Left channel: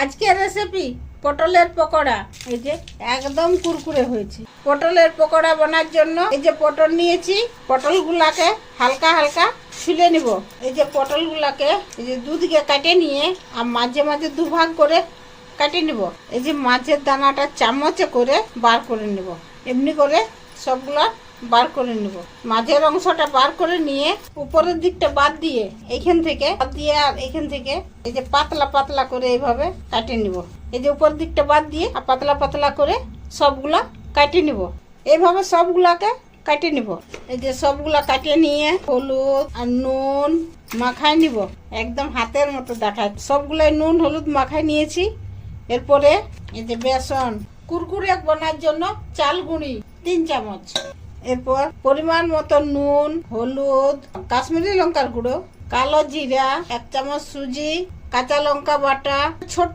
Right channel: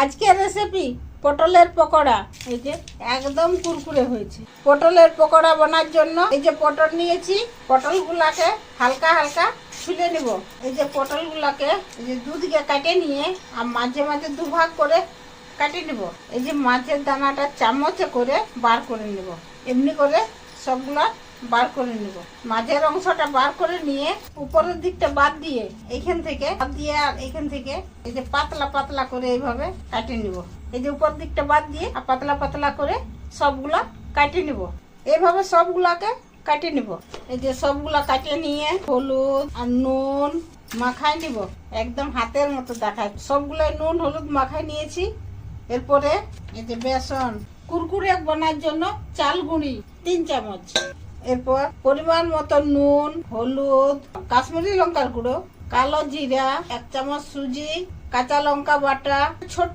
আজকের রেসিপি পটলের পকোড়া। এই যে একদম কুরকুরে হয়েছে। পটলের পকোড়া বানার জন্য এই যে পটল নিয়েছি, পটলগুলাকে হালকা হালকা ছুলে নিব। এই যে পটলগুলাকে এই যে দুদিকে কাটে নিয়ে আর মাঝে মাঝে দুভাগ করে কাটে নিব। এই যে মাছের দানাটা চামচে করে বার করে নিব। এমনি করে সবগুলা বার করে নিব। মাঝের অংশটা বার করে নিয়ে উপরের দিকটা বাদ দিয়ে এইখান থেকে বাদ দিয়ে আর এইখান থেকে এই যে পাতলা পাতলা করে এইভাবে কাটে নিব। এই যে উপর দিকটা বাদ দিয়ে আর পাতলা পাতলা করে সবগুলা কাটে নিব। এইভাবে সবগুলাকে কাটে নিব। এই যে সবগুলা কাটিয়ে নিয়ে হলুদ আর নুন মাখায় নিব। একদম হাতের মতো দেখায়। সবগুলাই নুন হলুদ মাখায় নিয়েছি। এরপরে এই যে বেসন, কুরকুরে বানার জন্য চাল গুঁড়ি 3 চামচ, এরপর পরিমাণ মতো নুন, হলুদ, কাশ্মীরি লঙ্কার গুঁড়ো, কালো জিরা 1 চামচ, সুজি, কাঁচা লঙ্কা বাটা, ছোট